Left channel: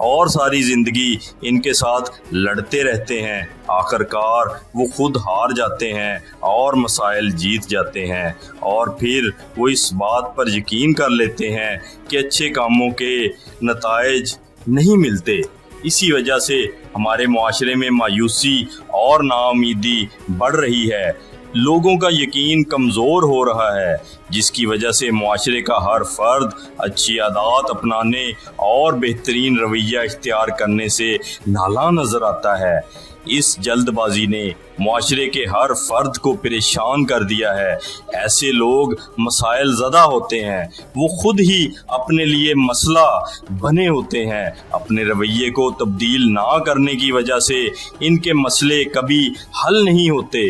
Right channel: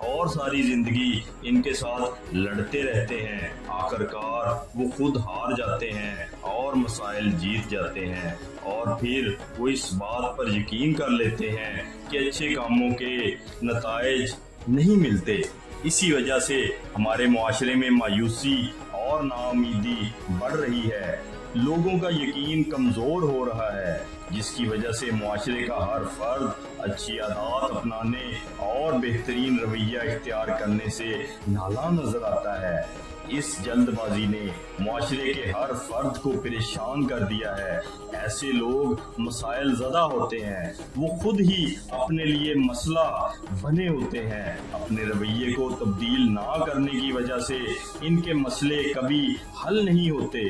اور ساری زندگی ان کے ساتھ لڑتے رہتے ہیں، آخر کار وہ خود ہار جاتے ہیں اور مسائل جیت جاتے ہیں، اور پھر وہ اس بات پر یقین کر لیتے ہیں کہ اچھے کاموں کے نتائج نہیں ملتے۔ اسی وجہ سے ہمارے معاشرے میں مایوسی اور ناامیدی بڑھ رہی ہے، لوگوں کا یقین کمزور ہو رہا ہے، جس کی وجہ سے معاشرے کا ہر فرد اچھی عادات اپنانے اور بہترین رویہ اختیار کرنے سے نالاں نظر آتا ہے۔ اس جلد بازی نے معاشرے کے ہر فرد کو پریشان کر دیا ہے۔ ایسے لوگ مسائل زدہ ہوتے ہیں، وہ خود ہی اپنے لیے مسئلہ بنے ہوتے ہیں۔ اپنے رویے کو تبدیل نہ کرنے کی وجہ سے ان کے مسئلے کبھی حل نہیں ہوتے۔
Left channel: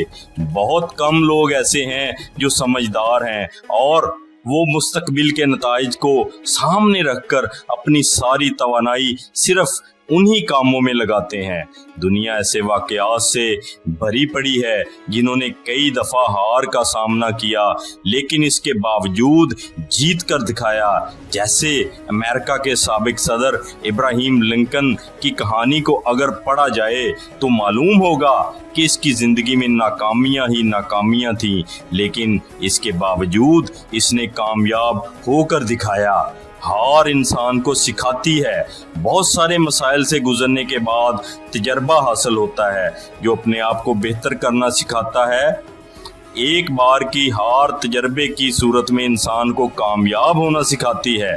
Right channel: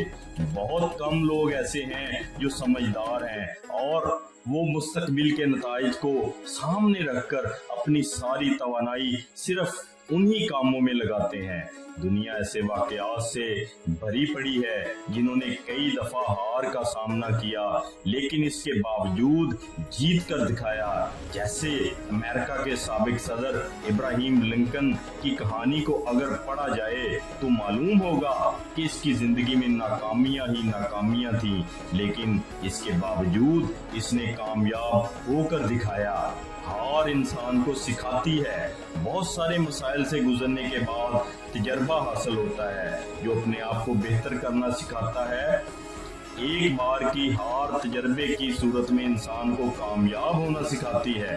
بہت کم لوگ ایسے ہیں جو سمجھدار ہیں اور وہ مستقبل کے نتائج کو سامنے رکھ کر اپنی ساری توانائی صرف انہی کاموں میں لگاتے ہیں۔ دنیا ایسے واقعات سے بھری پڑی ہے جنہوں نے کئی دفعہ ہار کا سامنا کیا لیکن اس کے باوجود جیت کر دکھایا۔ جیسے امریکہ کے سابق صدر ابراہیم لنکن کی کہانی کو اگر پڑھا جائے تو معلوم ہوگا کہ اس کی زندگی میں ناکامیاں ہی ناکامیاں تھیں، لیکن اس کے باوجود اس نے کامیاب ہو کر دکھایا۔ ہار انسان کو سکھاتی ہے۔ بہت سارے مسائل سے گزرنے کے بعد تجربہ حاصل ہوتا ہے جو اپنے آپ کو بہتر کرنا سکھاتا ہے۔ ایک بار کی ہار تجربے کی صورت میں انسان کو کامیاب ہونا سکھاتی ہے۔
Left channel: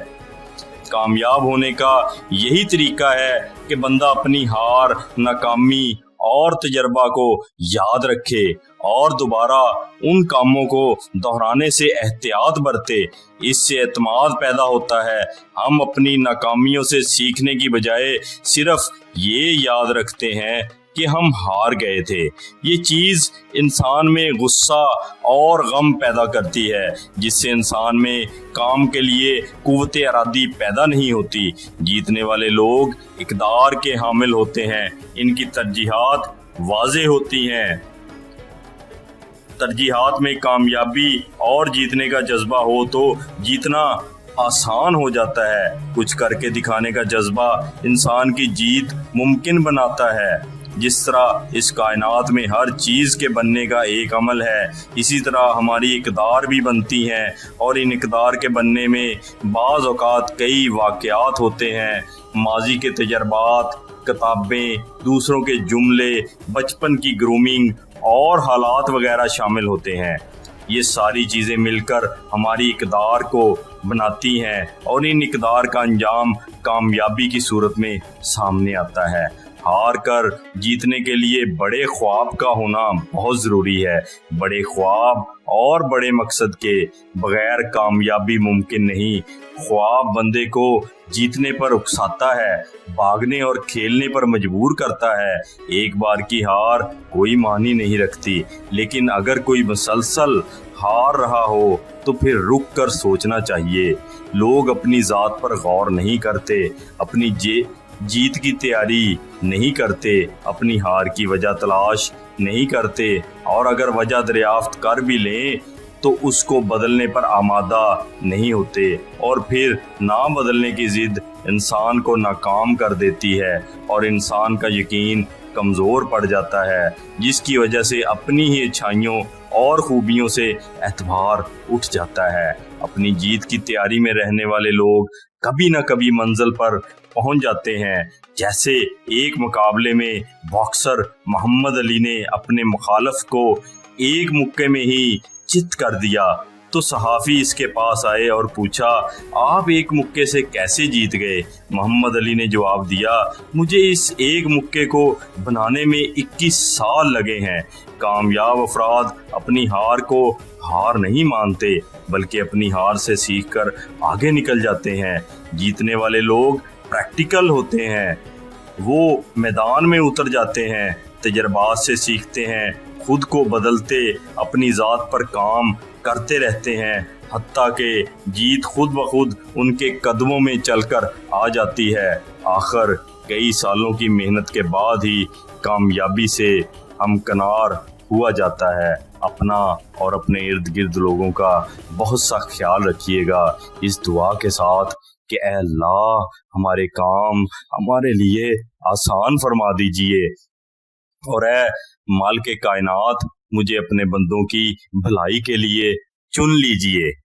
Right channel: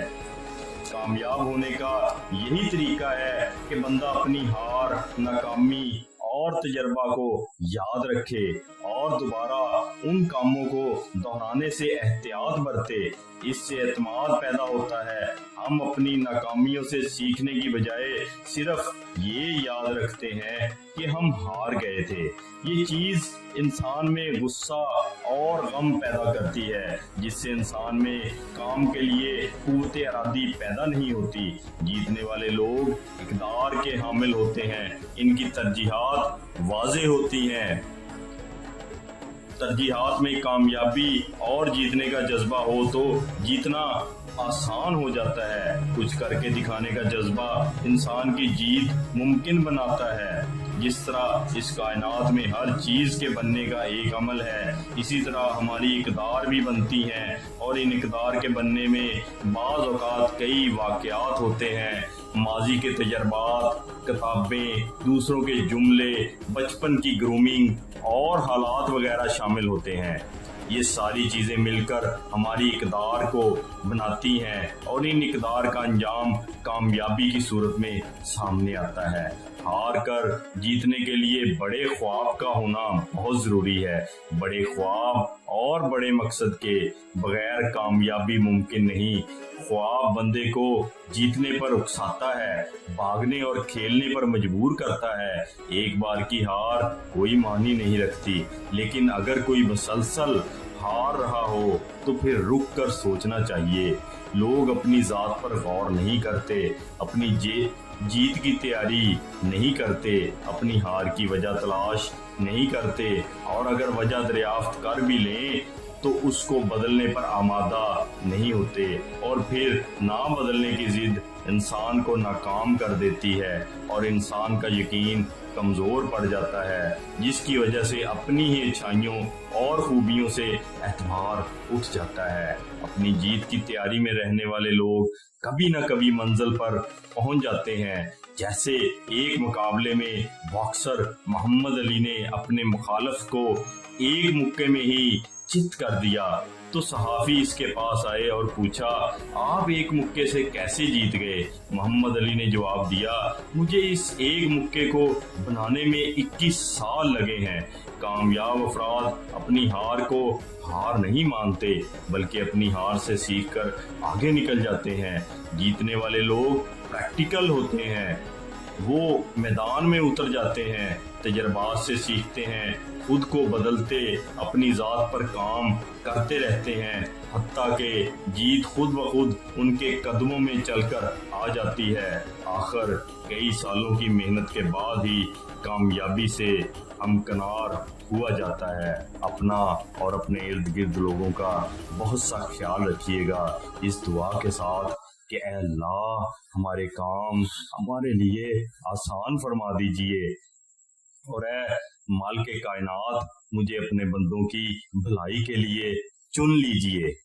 کامیاب ہونے کا یہی طریقہ ہے کہ بندہ اپنی ہار، ناکامی اور تجربہ کو یاد رکھے اور دوبارہ ان کاموں کو دہرانے سے احتیاط برتے۔ اس سے اعتماد پیدا ہوتا ہے۔ ہم اپنی ناکامیوں سے سیکھنے کی بجائے صرف یہ یاد رکھتے ہیں کہ ہم ہار گئے تھے۔ یہ چیز انسان میں غصہ اور غم پیدا کرتی ہے، جس سے انسان میں کام کے لیے قوت ارادی پیدا نہیں ہوتی۔ جیتنے والے لوگ اقدار کے حامل ہوتے ہیں، ان کی ترجیحات واضح ہوتی ہیں۔ ترجیحات میں کامیابی اور جیتنے کا جذبہ ہو تو جیتنا آسان ہو جاتا ہے۔ کچھ کر کے دکھانے کا جذبہ انسان کی جیت ممکن بناتا ہے۔ جس طرح اس کائنات میں ہر چیز کے بننے کا ایک عمل ہے، اسی طرح ہماری اقدار بھی بنتی ہیں، اور ان اقدار کے بننے میں بعض اوقات کئی واقعات ہوتے ہیں۔ ماضی کے تجربات، کتابیں، دوسروں کے جملے، بچپن کی گرومنگ اور حالات وغیرہ شامل ہوتے ہیں۔ یہ ساری چیزیں مل کر ہماری اقدار کو بناتی ہیں اور ان اقدار کا انجام کامیابی کی صورت میں سامنے آتا ہے۔ ہار کر جیتنے کے لیے بڑے خواب کا ہونا بہت ضروری ہے۔ بڑے خواب اور بڑے مقصد کے بغیر کامیابی ممکن نہیں۔ خواب بندے کو جیتنے پر اکساتا ہے، بھاگنے اور کھیلنے پر مجبور کرتا ہے۔ ایک بار کی ہار کوئی معنی نہیں رکھتی، لیکن اگر کوئی مسلسل ہار رہا ہو تو پھر رک کر سوچنا چاہیے۔ لوگ اپنی ذات پر غور نہیں کرتے، اپنی جیت کی تیاری نہیں کرتے، اپنی ہار کی وجہ تلاش نہیں کرتے، اور اگر وجہ دریافت کر بھی لیں تو اس کو بدلنے پر آمادہ نہیں ہوتے، اور پھر نہ بدلنے کی ضد انسان کو ناکام کر دیتی ہے اور انسان کا یقین کمزور پڑ جاتا ہے، جس کی وجہ سے اپنی ہی اچھائیوں اور خوبیوں سے اعتبار اٹھ جاتا ہے۔ اپنی جیت کی تیاری میں رہنے والے لوگ کبھی نہ کبھی منزل پر پہنچ جاتے ہیں۔ جیسے ایک مقابلے میں باکسر محمد علی نے اپنے مخالف کو ایک مکے میں ہی چت کر دیا تو صحافی اس کے پاس آئے اور پوچھا، آپ ایک مکے سے کیسے جیت گئے؟ محمد علی نے جواب دیا، مجھے اس ایک مکے کو بنانے میں 21 سال لگے ہیں۔ کامیاب افراد اپنی ہار کو ہار نہیں مانتے، بلکہ اپنی ہار سے سیکھ کر آگے نکل جاتے ہیں۔ جیتنے والے لوگ پریکٹیکل ہوتے ہیں، وہ میدان میں اتر جاتے ہیں، تجربات سے سیکھتے ہیں، خود کو بدلتے، اپنی ذات پر کام کرتے رہتے ہیں، حتیٰ کہ جیت خود بخود ان کے قدموں میں چل کر آ جاتی ہے۔ آخر کئی سالوں کی محنت کے بعد ہی کامیابی سے ہمکنار ہوا جاتا ہے۔ اپنا اور اپنے ارد گرد لوگوں کا بہت سا خیال رکھیے گا۔ اس دعا کے ساتھ کہ اے اللہ ہمارے کام ہمارے لیے آسان فرما دیجئے، اور اے مالک کائنات مجھے اپنے بندوں کی بھلائی کے لیے چن لیجئے۔